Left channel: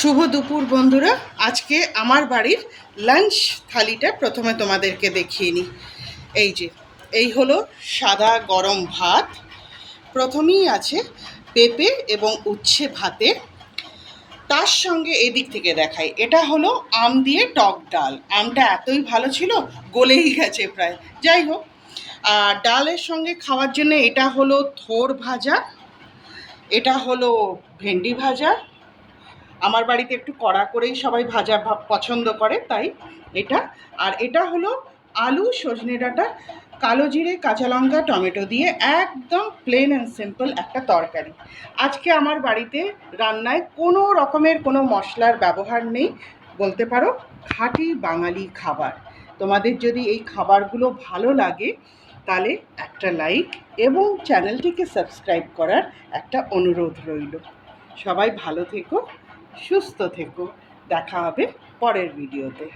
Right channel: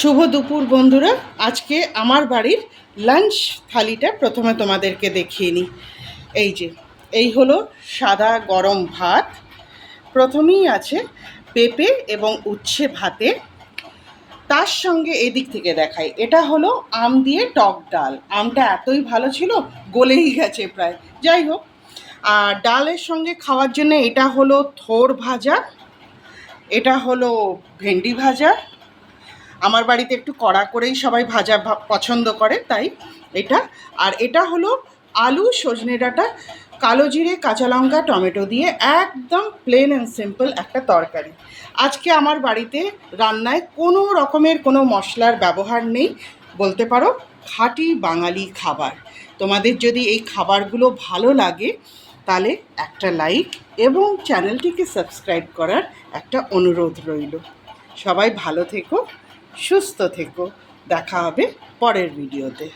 শুভ দুপুর বন্ধুরা। আজকে আমার বাড়ির লাঞ্চ থালিটা প্রথমে তোমাদেরকে দেখিয়ে নিই। এই হলো সাদা গরম ভাত। প্রথমেই আছে পেঁপে এবং উচ্ছে ভাতে। তার সঙ্গে এই দিক থেকে দেখাই, এটা হলো আম দিয়ে টক ডাল। আমটা এতই ভালো ছিল, গলেই গেছে প্রায়। যাই হোক, আর ডালের সঙ্গে খাওয়ার জন্য এটা হলো থোড় ভাজা, এটা হলো ভেন্ডি ভাজা। আমার বাড়িতে একটু কড়া করেই সবাই ভাজা পছন্দ করে, তাই এটা। আর এটা হলো আলু, সজনে ডাঁটা, কালো জিরে, কাঁচা লঙ্কা, টমেটো দিয়ে একদম প্লেন অ্যান্ড সিম্পল একটা তরকারি। আজকে আমার বাড়িতে রান্নায় কোনো রকমের কোনো মশলার ব্যবহার নেই, বলতে পারো খাঁটি বাঙালি খাবার। তোমাদের যদি এই খাবারগুলো ভালো লাগে তাহলে একটা লাইক এবং চ্যানেলটিকে সাবস্ক্রাইব করার একটা অনুরোধ রইল। সবাই ভালো থেকো, সুস্থ থেকো। দেখা হবে পরের ভিডিওতে।